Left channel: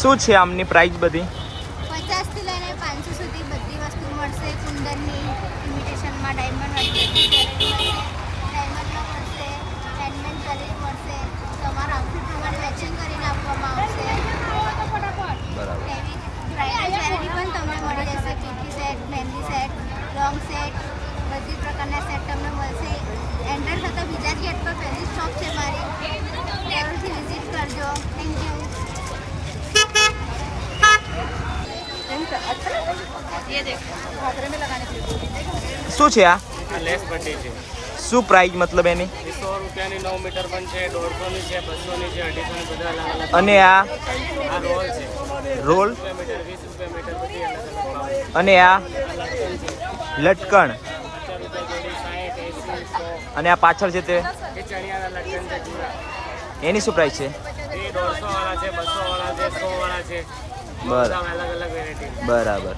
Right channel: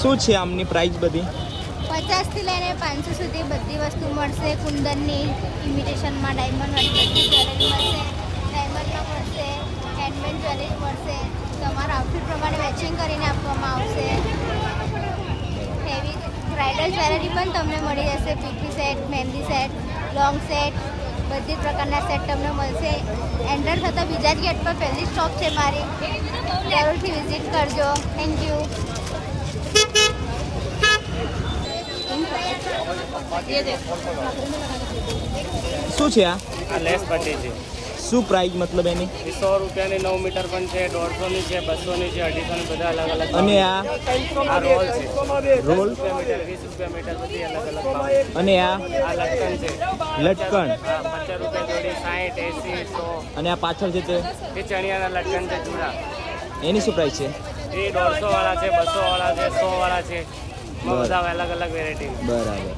શું છે આમની પ્રાઇસ બધી? 50 થી લઈને 500 સુધી બધી વસ્તુ મળશે. કુંદનની ઇમિટેશનમાં ડાયમંડ વાળી બધી જ્વેલરી મળશે. ડાયમંડનો મળશે, હેન્ડમેડ જ્વેલરી મળશે. તમારા આઉટફિટ પ્રમાણે મેચિંગ કરીને આપવામાં આવશે. એવી બ્રાઇડલ જ્વેલરી પણ તમને મળી જશે. પીપી સેટ, મહેંદી સેટ, લોંગ સેટ, બધી પ્રકારના સેટ તમને મળશે. એન્ટર થતાં બીજા જ ગેટ પર પહેલી સ્ટોપ છે મારી. જરૂરથી વિઝિટ કરજો. Thank you. શું છે આ? લેસ પટ્ટી છે. શું પ્રાઇસ મતલબ એની? 100 રૂપિયાની 9 મીટર પણ છે, 150ની છે, 200ની છે, 250ની બધા અલગ અલગ. અને આ આ રોલ છે. રોલ? 10 રૂપિયા મીટર, 20 રૂપિયા મીટર બધી અલગ અલગ ભાવ છે. અને આ આ લટકન છે. લટકણ? 50 રૂપિયા જોડી, 60, 80, 100. અને આ પાછળ છે તે? એ ચણિયાના લટકન છે જુડા. એની શું પ્રાઇસ છે? એ 150 વાળા છે, 200 વાળા છે, 100 વાળા છે. બરાબર. બધા અલગ અલગ વેરાયટી. બરાબર.